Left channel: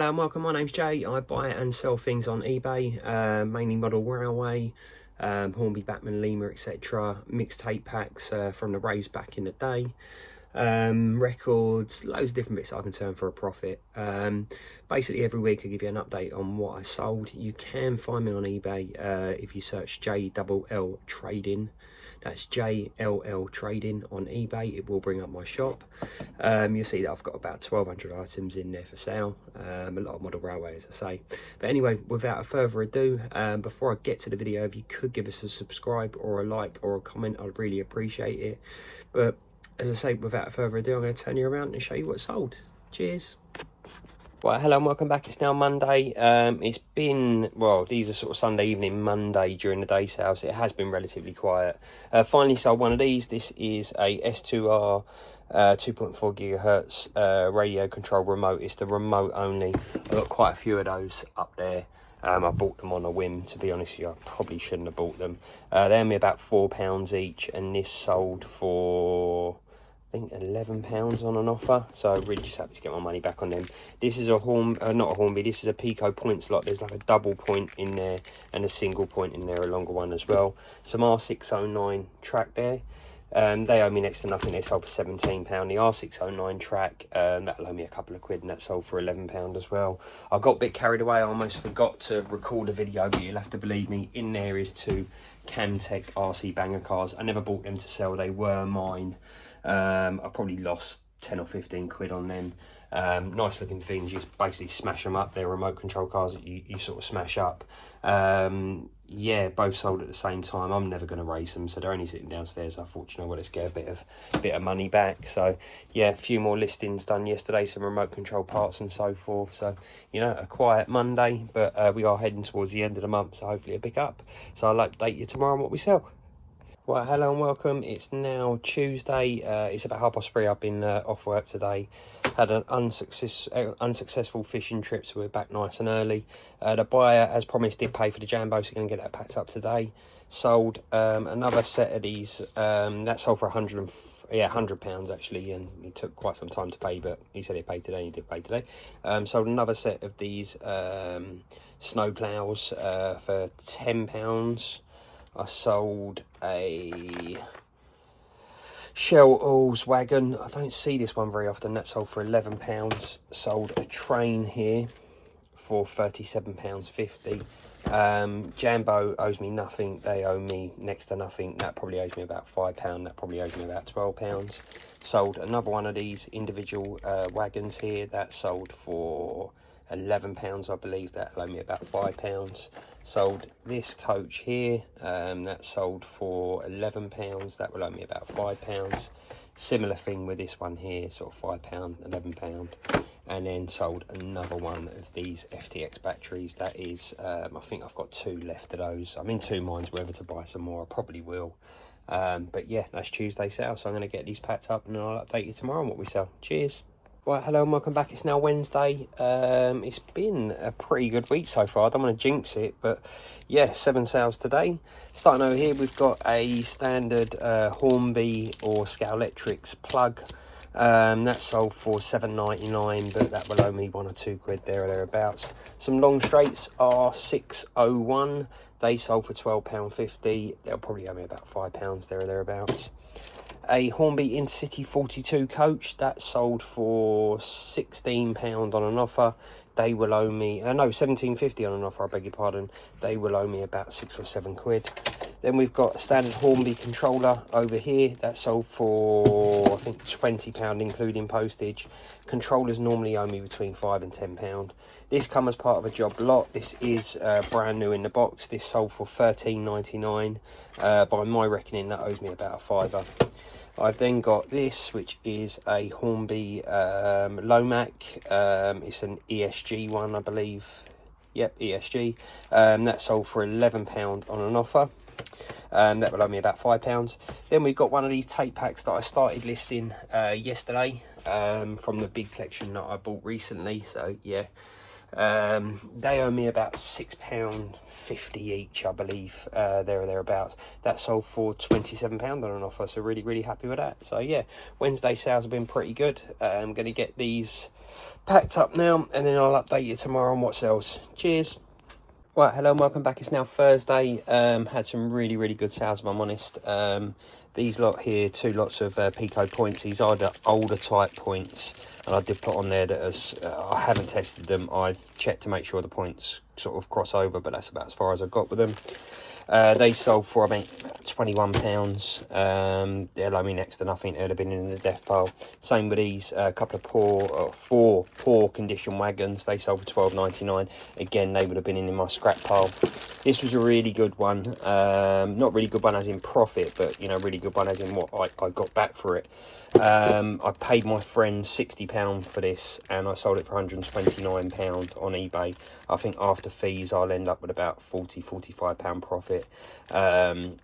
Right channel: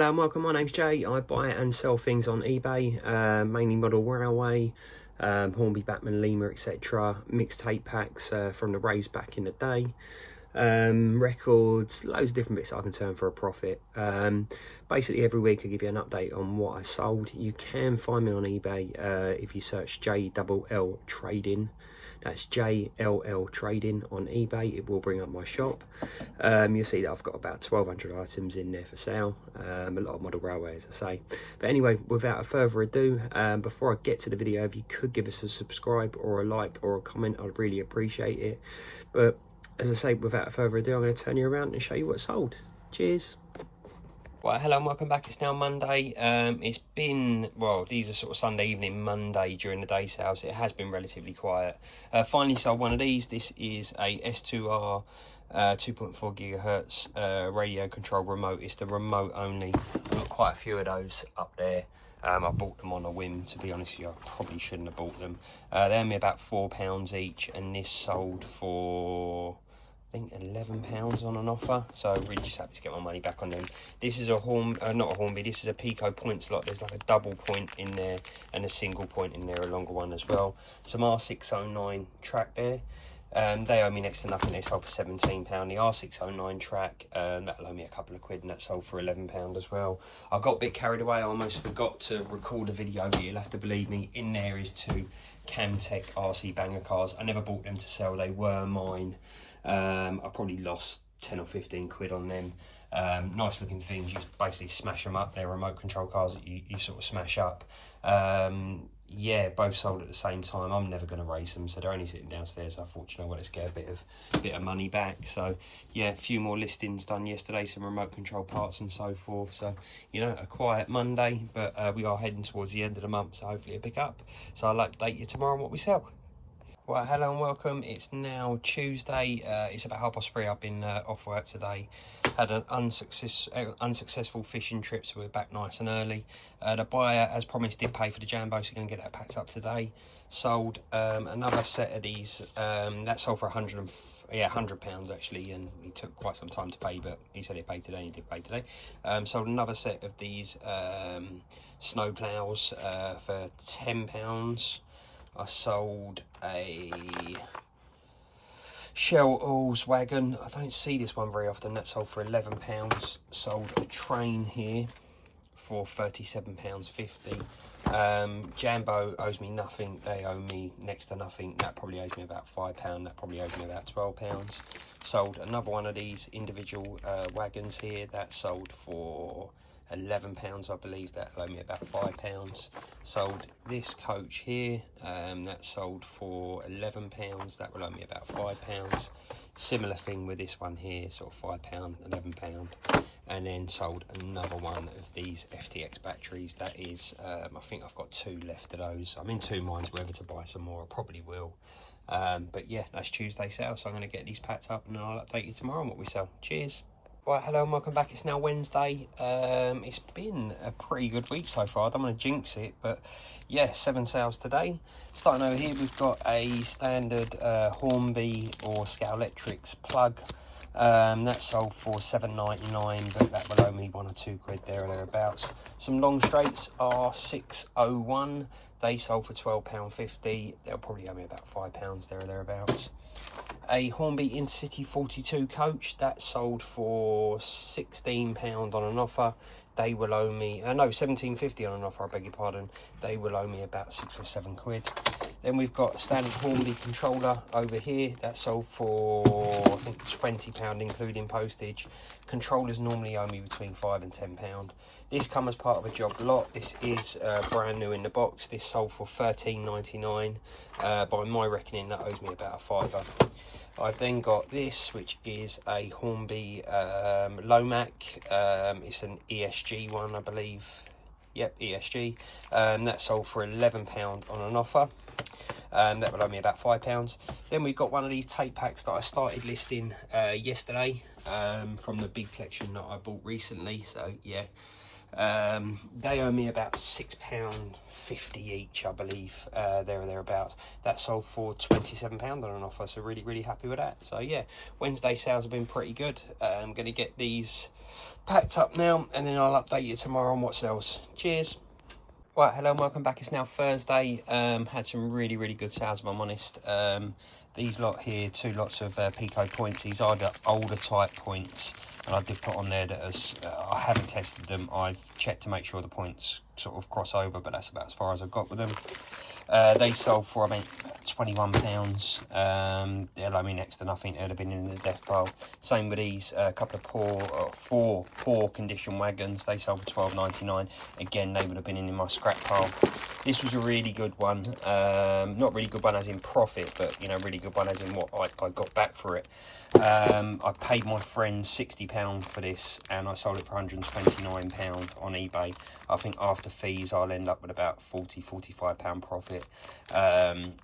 Hello and welcome, my name's Jay. I buy and sell things on eBay, mainly model railway, Hornby, Batman, Lima, etc. Mixtape packs from the raves back in the day, records, loads of different bits I can turn for a profit. Basically every week I give you an update on what I sold. You can find me on eBay if you search JLL Trading. That's JLL Trading on eBay. It will bring up my shop. You'll see that I've got about 1,200 items in there for sale. A lot of model railway, as I say. But anyway, without further ado, before I get to the video, if you could give us a subscribe or a like or a comment, I'd really appreciate it. But as I say, without further ado, I'm going to turn you around and show you what's sold. Cheers. Right, hello and welcome back. It's now Monday. It's been, well, these are sort of Sunday evening, Monday during the day sales. It has been relatively quiet. Finally sold one of these. This is a S2R 2.4 gigahertz radio control remote. It's the remote only. I've got quite a few of those up there. I bought them on a whim, to be honest with you. I probably shouldn't have bought them. They're only about £4 each, and this sold for, I think, £11 on an offer. So I'm really just happy to get my money back on them. This is a not a Hornby, this is a Pico point slot. There's like a double point in there and a single point in there, a longer one as well. Some R609 track there. They owe me next to nothing. They sold for £17. The R609 track, that'll owe me a couple of quid, and that sold for £11 as well. I got a bit carried away. I almost forgot to record a video, but you'll have to believe me. In there is two Camtech RC banger cars. I never bought them to sell. They were mine. I probably lost 10 or 15 quid on them. Nice looking things. You basically smash them up. They're remote control cars that you sort of smash up. Yeah, both sold at the same time. I'm never going to race them, so they're only sitting downstairs. I thought, you know what, let's get a bit of money back. So yeah, a few more listings done yesterday, some remote control parts and so forth. So, you know, a quiet Monday, but we are heading towards the end of the month, so hopefully it'll pick up. So I'll update you tomorrow on what we sell. Right, hello and welcome. It's now Tuesday. It's about 3:30. I've been off work today. Had an unsuccessful fishing trip, so we're back nice and early. The buyer, as promised, did pay for the Jambo, so we're going to get that packed up today. Sold another set of these. That sold for £100 actually, and he took quite some time to pay, but he said he paid today. He did pay today. Sold another set of these snow plows for £10. I sold a Shell Oils wagon. I don't see this one very often. That sold for £11. Sold a train here for £37.50. Jambo owes me nothing. They owe me next to nothing. That probably owes me about £5. That probably owes me about £12. Sold another one of these individual wagons here. That sold for £11, I believe. That owed me about £5. Sold this coach here, that sold for £11. That will owe me about £5. Similar thing with this one here, sort of £5, £11. And then sold another one of these FTX batteries. That is, I think I've got 2 left of those. I'm in 2 minds whether to buy some more. I probably will. But yeah, that's Tuesday sale, so I'm going to get these packed up and I'll update you tomorrow on what we sell. Cheers. Right, hello and welcome back. It's now Wednesday. It's been a pretty good week so far. I don't want to jinx it, but yeah, 7 sales today. Starting over here, we've got a standard Hornby or Scowlectrics plug. That sold for £7.99, but that will owe me 1 or 2 quid there or thereabouts. Some long straights are £6.01. They sold for £12.50. They'll probably owe me about £5 there or thereabouts. A Hornby Intercity 42 coach, that sold for £16 on an offer. They will owe me, no, £17.50 on an offer, I beg your pardon. They will owe me about 6 or 7 quid. Then we've got a standard Hornby controller over here. That sold for, I think, £20 including postage. Controllers normally owe me between £5 and £10. This comes as part of a job lot. This is brand new in the box. This sold for £13.99. By my reckoning, that owes me about a £5. I've then got this, which is a Hornby Lomac. It's an ESG one, I believe. Yep, ESG. That sold for £11 on an offer. That will owe me about £5. Then we've got one of these tape packs that I started listing yesterday from the big collection that I bought recently. So yeah, they owe me about £6.50 each, I believe, there or thereabouts. That sold for £27 on an offer, so really happy with that. So yeah, Wednesday sales have been pretty good. I'm going to get these packed up now, and then I'll update you tomorrow on what sells. Cheers. Right, hello and welcome back. It's now Thursday. Had some really good sales, if I'm honest. These lot here, 2 lots of Pico points. These are the older type points, and I did put on there that as I haven't tested them. I've checked to make sure the points sort of cross over, but that's about as far as I've got with them. They sold for about £21. They'll owe me next to nothing. They'd have been in the death pile. Same with these, a couple of four poor condition wagons. They sold for £12.99. Again, they would have been in my scrap pile. This was a really good one. Not really good one as in profit, but you know, really good one as in what I got back for it. I paid my friend £60 for this, and I sold it for £129 on eBay. I think after fees I'll end up with about £45 profit.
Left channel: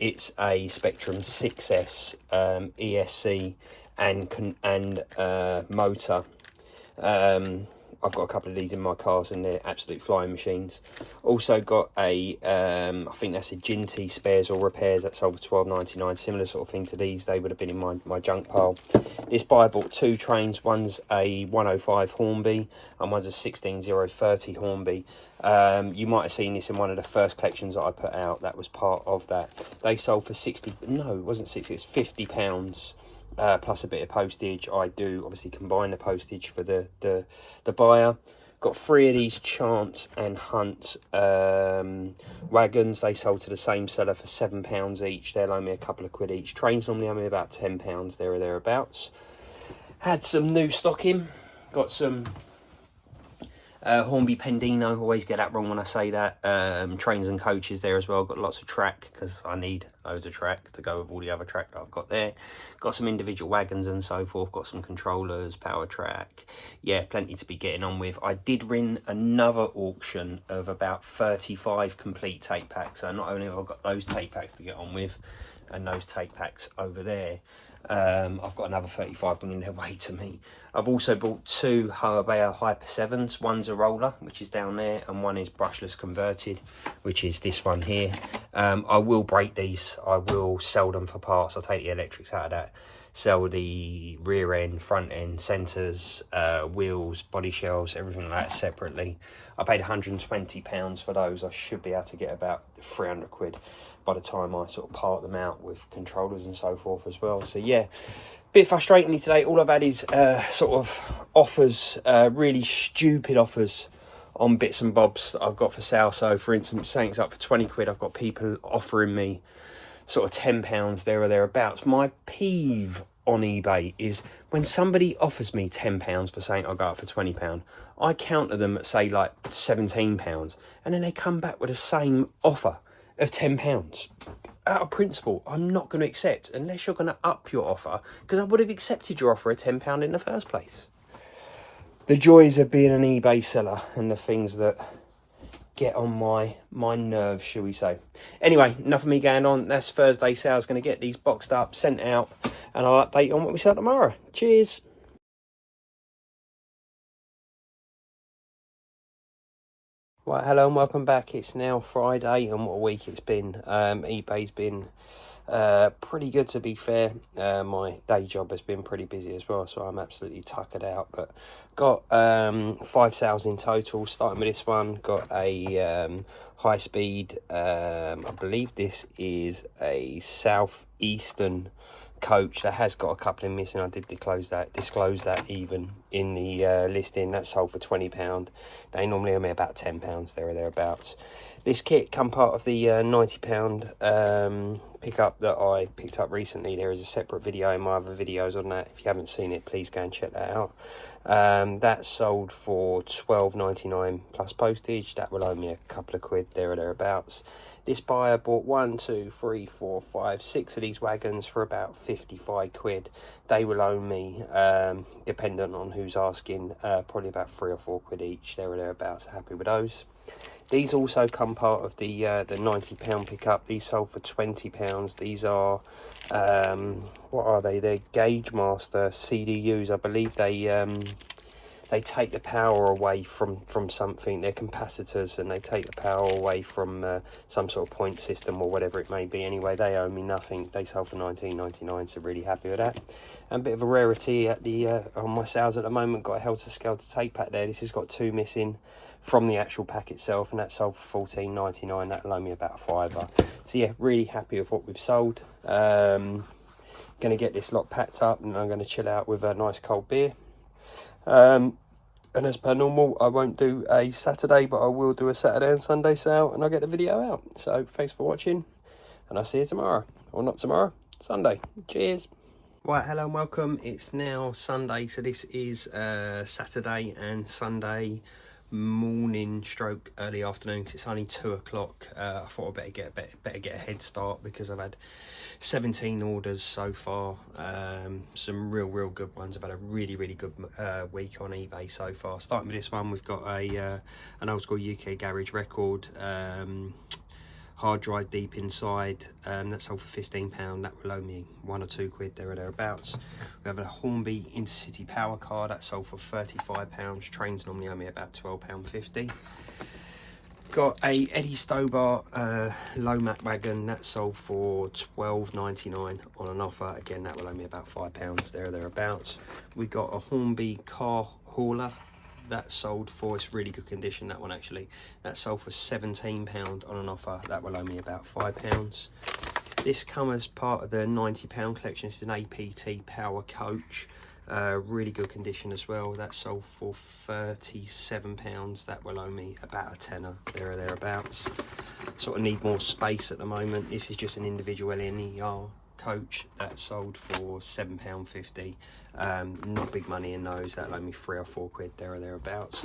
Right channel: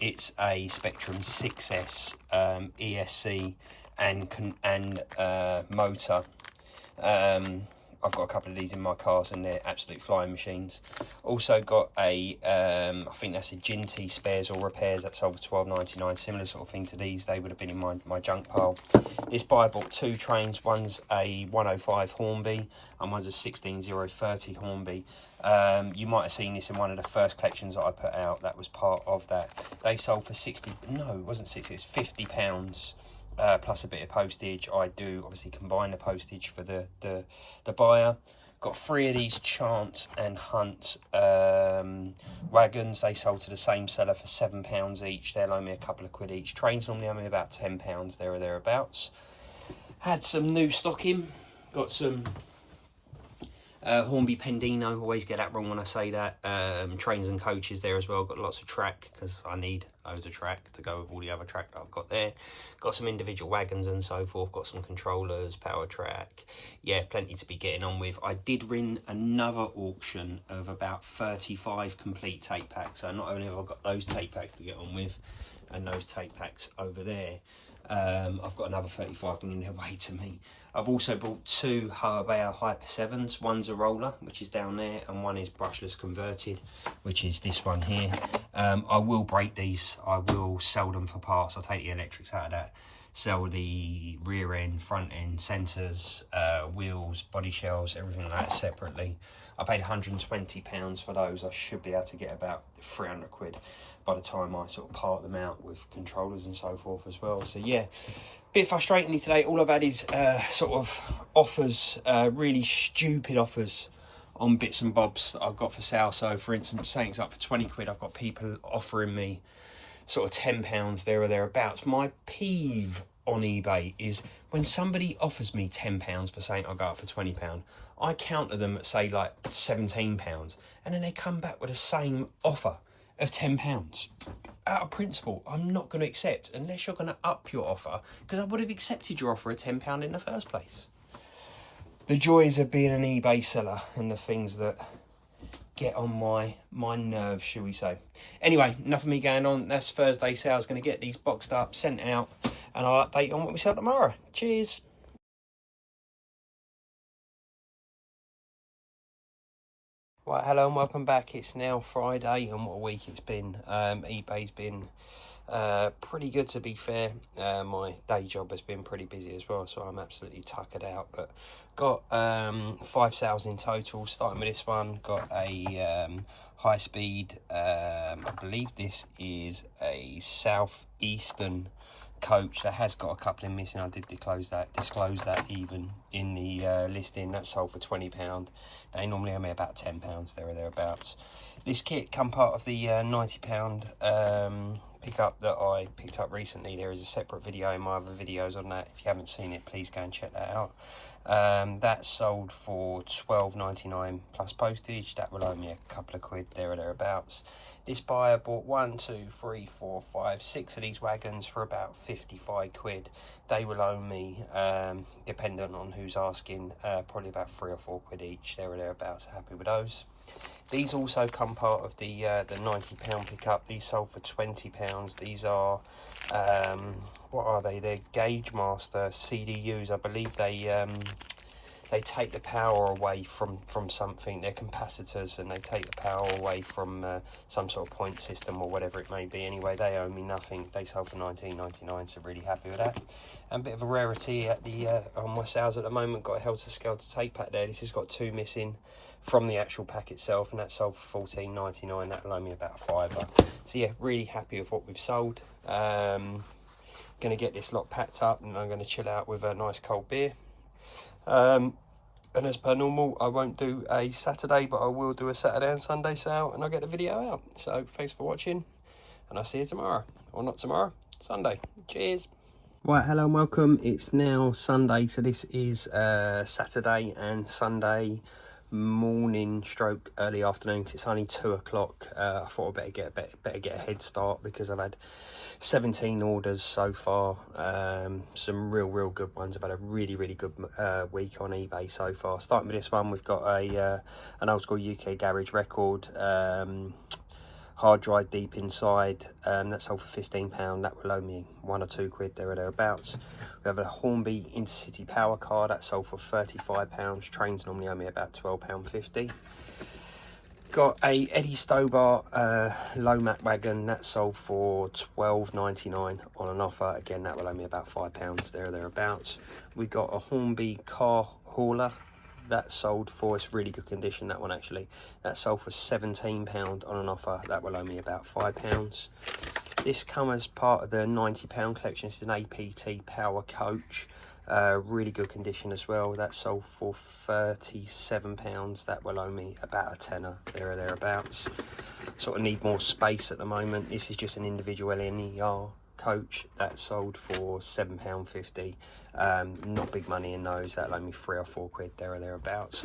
It's a Spectrum 6S ESC and motor. I've got a couple of these in my cars and they're absolute flying machines. Also got a, I think that's a Ginty spares or repairs that sold for £12.99. Similar sort of thing to these. They would have been in my junk pile. This buyer bought 2 trains. One's a 105 Hornby and one's a 16030 Hornby. You might have seen this in one of the first collections that I put out. That was part of that. They sold for 60, no, it wasn't 60, it's £50. Plus a bit of postage. I do obviously combine the postage for the buyer. Got 3 of these Chance and Hunt wagons. They sold to the same seller for £7 each. They'll owe me a couple of quid each. Trains normally owe me about £10 there or thereabouts. Had some new stock in. Got some Hornby Pendino, always get that wrong when I say that. Trains and coaches there as well. Got lots of track because I need loads of track to go with all the other track that I've got there. Got some individual wagons and so forth. Got some controllers, power track. Yeah, plenty to be getting on with. I did win another auction of about 35 complete tape packs. So not only have I got those tape packs to get on with and those tape packs over there, I've got another 35 on their way to me. I've also bought 2 hornby Hyper 7s. One's a roller, which is down there, and one is brushless converted, which is this one here. I will break these. I will sell them for parts. I'll take the electrics out of that. Sell the rear end, front end, centres, wheels, body shells, everything like that separately. I paid £120 for those. I should be able to get about 300 quid by the time I sort of part them out with controllers and so forth as well. So yeah, bit frustratingly today, all I've had is sort of offers, really stupid offers on bits and bobs that I've got for sale. So for instance, saying it's up for 20 quid, I've got people offering me sort of £10 there or thereabouts. My peeve on eBay is when somebody offers me £10 for saying I'll go up for £20, I counter them at say like £17, and then they come back with the same offer of £10. Out of principle, I'm not going to accept unless you're going to up your offer, because I would have accepted your offer at £10 in the first place. The joys of being an eBay seller and the things that get on my nerves, shall we say. Anyway, enough of me going on. That's Thursday sales. Going to get these boxed up, sent out, and I'll update you on what we sell tomorrow. Cheers. Right, hello and welcome back. It's now Friday, and what a week it's been. eBay's been pretty good, to be fair. My day job has been pretty busy as well, so I'm absolutely tuckered out, but got 5 sales in total. Starting with this one, got a high speed, I believe this is a southeastern coach that has got a couple in missing. I did disclose that even in the listing. That sold for £20. They normally owe me about £10 there or thereabouts. This kit come part of the £90 pickup that I picked up recently. There is a separate video in my other videos on that. If you haven't seen it, please go and check that out. That sold for £12.99 plus postage. That will owe me a couple of quid there or thereabouts. This buyer bought 1, 2, 3, 4, 5, 6 of these wagons for about 55 quid. They will owe me, dependent on who's asking, probably about 3 or 4 quid each there or thereabouts. Happy with those. These also come part of the £90 pickup. These sold for £20. These are, what are they? They're Gauge Master CDUs. I believe they they take the power away from something. They're capacitors, and they take the power away from some sort of point system or whatever it may be. Anyway, they owe me nothing. They sold for $19.99, so really happy with that. And a bit of a rarity at the on my sales at the moment. Got a Helter Skelter tape pack there. This has got 2 missing from the actual pack itself, and that sold for $14.99. That'll owe me about $5. So yeah, really happy with what we've sold. Gonna get this lot packed up, and I'm gonna chill out with a nice cold beer. And as per normal, I won't do a Saturday, but I will do a Saturday and Sunday sale, and I'll get the video out. So thanks for watching, and I'll see you tomorrow. Or not tomorrow, Sunday. Cheers. Right, hello and welcome. It's now Sunday, so this is Saturday and Sunday morning stroke early afternoon, because it's only 2 o'clock. I thought I'd better get a head start, because I've had 17 orders so far. Some real good ones. I've had a really good week on eBay so far. Starting with this one, we've got an old school UK garage record, hard drive deep inside. That sold for £15. That will owe me £1 or £2 there or thereabouts. We have a Hornby Intercity power car that sold for £35. Trains normally owe me about £12.50. Got a Eddie Stobart low mat wagon that sold for £12.99 on an offer. Again, that will owe me about £5 there or thereabouts. We got a Hornby car hauler that sold for, it's really good condition, that one actually, that sold for £17 on an offer. That will owe me about £5. This comes as part of the £90 collection. This is an APT power coach, really good condition as well. That sold for £37. That will owe me about a tenner there or thereabouts. Sort of need more space at the moment. This is just an individual LNER coach that sold for £7.50. Not big money in those. That'll owe me £3 or £4 there or thereabouts.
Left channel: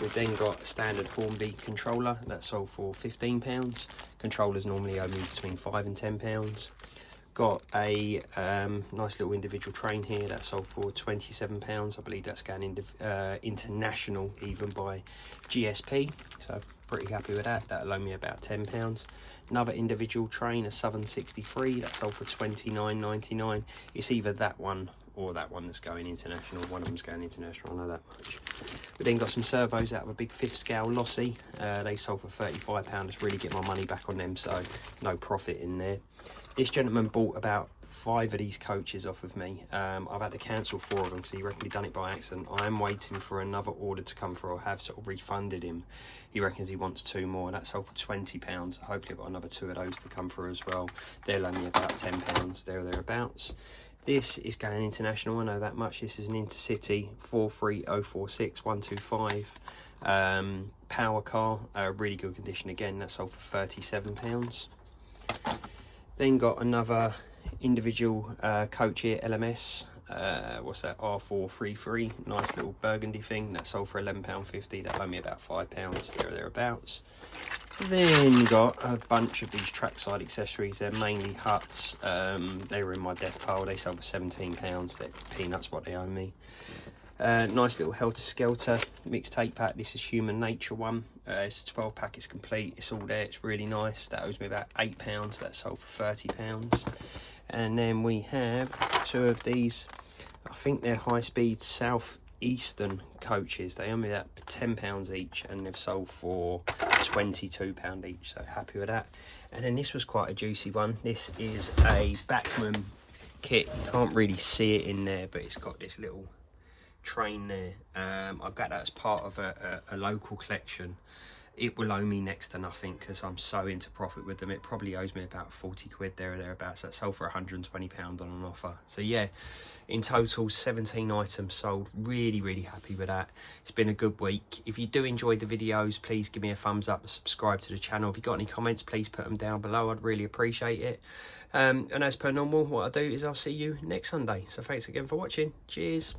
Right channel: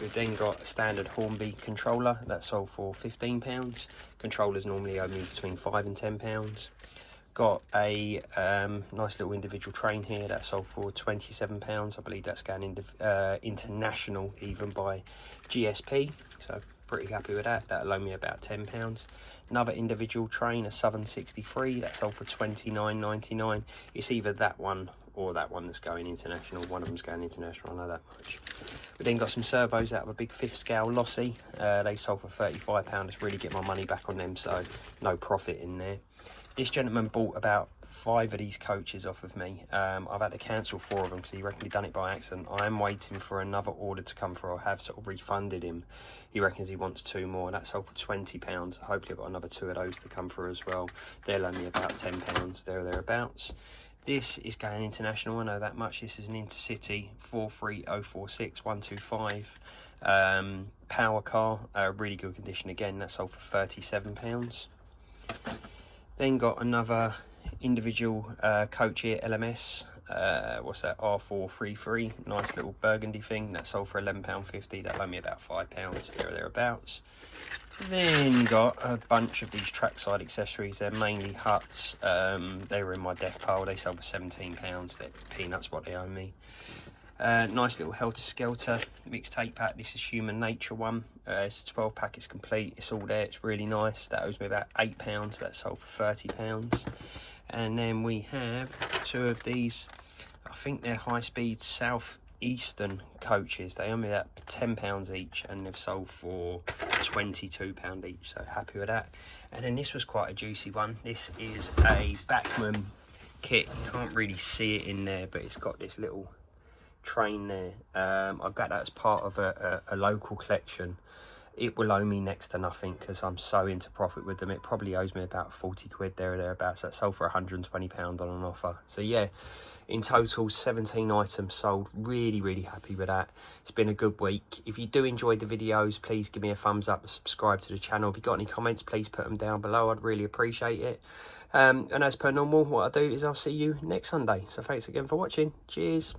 We've then got a standard Hornby controller that sold for £15. Controllers normally owe me between £5 and £10. Got a nice little individual train here that sold for £27. I believe that's going international even by GSP, so pretty happy with that. That'll owe me about £10. Another individual train, a Southern 63, that sold for £29.99. It's either that one or that one that's going international. One of them's going international, I know that much. We then got some servos out of a big 5th scale Lossy. They sold for £35. Just really get my money back on them, so no profit in there. This gentleman bought about 5 of these coaches off of me. I've had to cancel 4 of them because he reckons he done it by accident. I am waiting for another order to come through. I have sort of refunded him. He reckons he wants 2 more, and that sold for £20. Hopefully I've got another 2 of those to come through as well. They'll owe me about £10 there or thereabouts. This is going international, I know that much. This is an Intercity 43046 125 power car, really good condition again. That sold for £37. Then got another individual coach here, LMS. What's that? R433. Nice little burgundy thing. That sold for £11.50. That owe me about £5 there or thereabouts. Then got a bunch of these trackside accessories. They're mainly huts. They were in my death pile. They sold for £17. They're peanuts what they owe me. Nice little Helter Skelter mixed tape pack. This is Human Nature one. It's a 12 pack. It's complete. It's all there. It's really nice. That owes me about £8. That sold for £30. And then we have 2 of these. I think they're high-speed southeastern coaches. They owe me about £10 each, and they've sold for £22 each. So happy with that. And then this was quite a juicy one. This is a Bachmann kit. You can't really see it in there, but it's got this little train there. I got that as part of a local collection. It will owe me next to nothing because I'm so into profit with them. It probably owes me about £40 there or thereabouts. That sold for £120 on an offer. So yeah, in total 17 items sold. Really happy with that. It's been a good week. If you do enjoy the videos, please give me a thumbs up and subscribe to the channel. If you've got any comments, please put them down below. I'd really appreciate it. And as per normal, what I'll do is I'll see you next Sunday. So thanks again for watching. Cheers.